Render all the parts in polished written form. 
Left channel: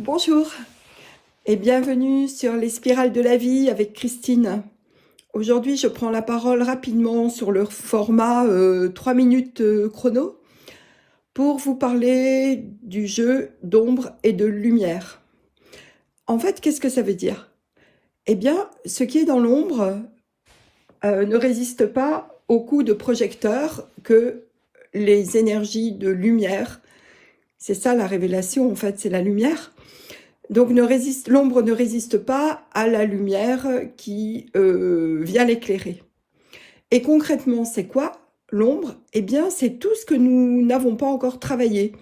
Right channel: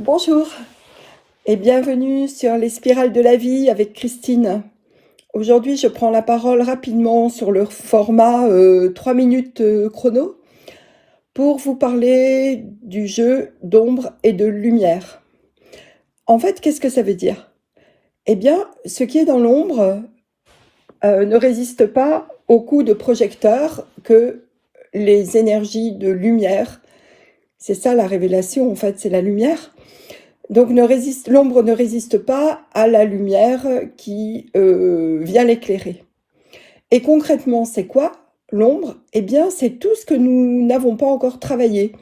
Bonjour et bienvenue sur les spirales de la vie avec Christine. Aujourd'hui, je prends la parole rapidement sur le format 3 minutes chrono pour vous parler du jeu d'ombre et de lumière. En fait, qu'est-ce que ça veut dire? Eh bien, ce qui est dans l'ombre ne résiste pas aux coups de projecteur que les énergies de lumière, c'est ça la révélation en fait, c'est la lumière. Donc l'ombre ne résiste pas à la lumière qui vient l'éclairer. Et concrètement, c'est quoi l'ombre? Eh bien, c'est tout ce que nous n'avons pas encore travaillé.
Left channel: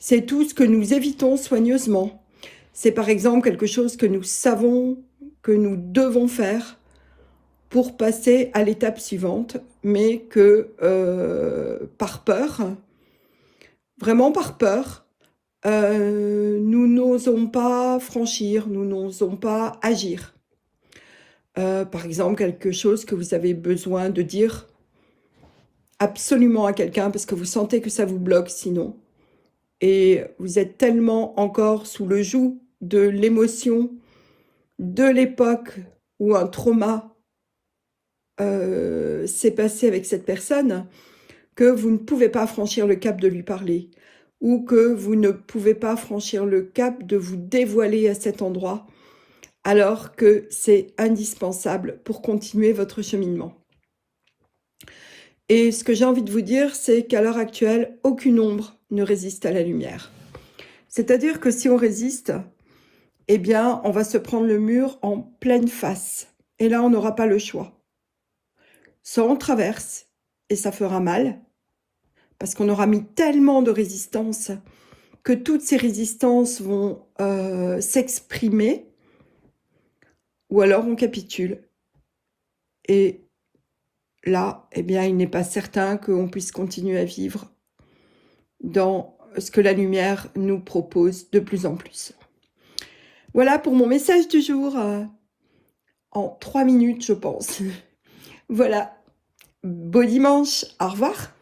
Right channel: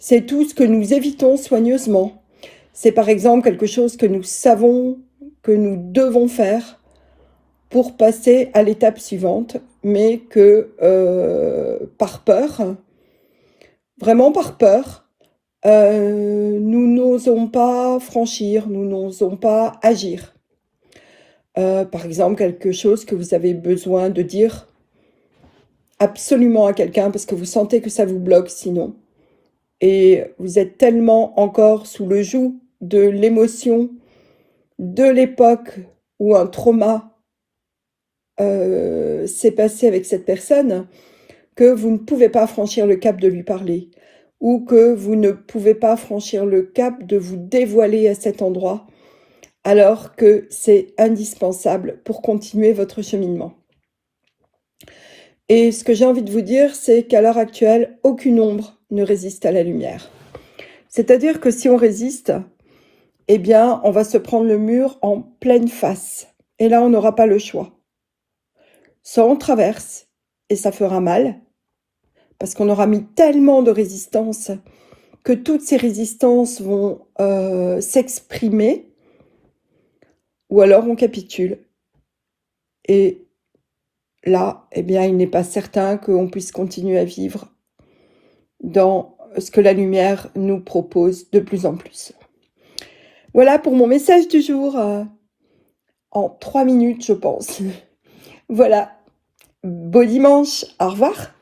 C'est tout ce que nous évitons soigneusement. C'est par exemple quelque chose que nous savons que nous devons faire pour passer à l'étape suivante, mais que par peur, vraiment par peur, nous n'osons pas franchir, nous n'osons pas agir. Par exemple, quelque chose que vous avez besoin de dire absolument à quelqu'un parce que vous sentez que ça vous bloque sinon. Et vous êtes tellement encore sous le joug de l'émotion de l'époque où un trauma s'est passé avec cette personne que vous ne pouvez pas franchir le cap de lui parler ou que vous ne pouvez pas franchir le cap de vous dévoiler à cet endroit alors que c'est indispensable pour continuer votre cheminement. Et ce que j'ai envie de vous dire, c'est qu'à l'heure actuelle, aucune ombre ne résiste à la lumière. C'est-à-dire que si on résiste, eh bien, on va se prendre le mur en pleine face. Et là, on n'aura pas le choix. Soit on traverse, et ça fera mal, parce qu'on aura mis tellement de résistance que toutes ces résistances vont s'exprimer, ou alors on capitule. Et là, eh bien, il n'est pas certain qu'on puisse continuer à vivre dans ce que la lumière nous propose de plus en plus. Voilà pour mon message du jour, en 3 minutes, je pense. Voilà, beau dimanche, au revoir.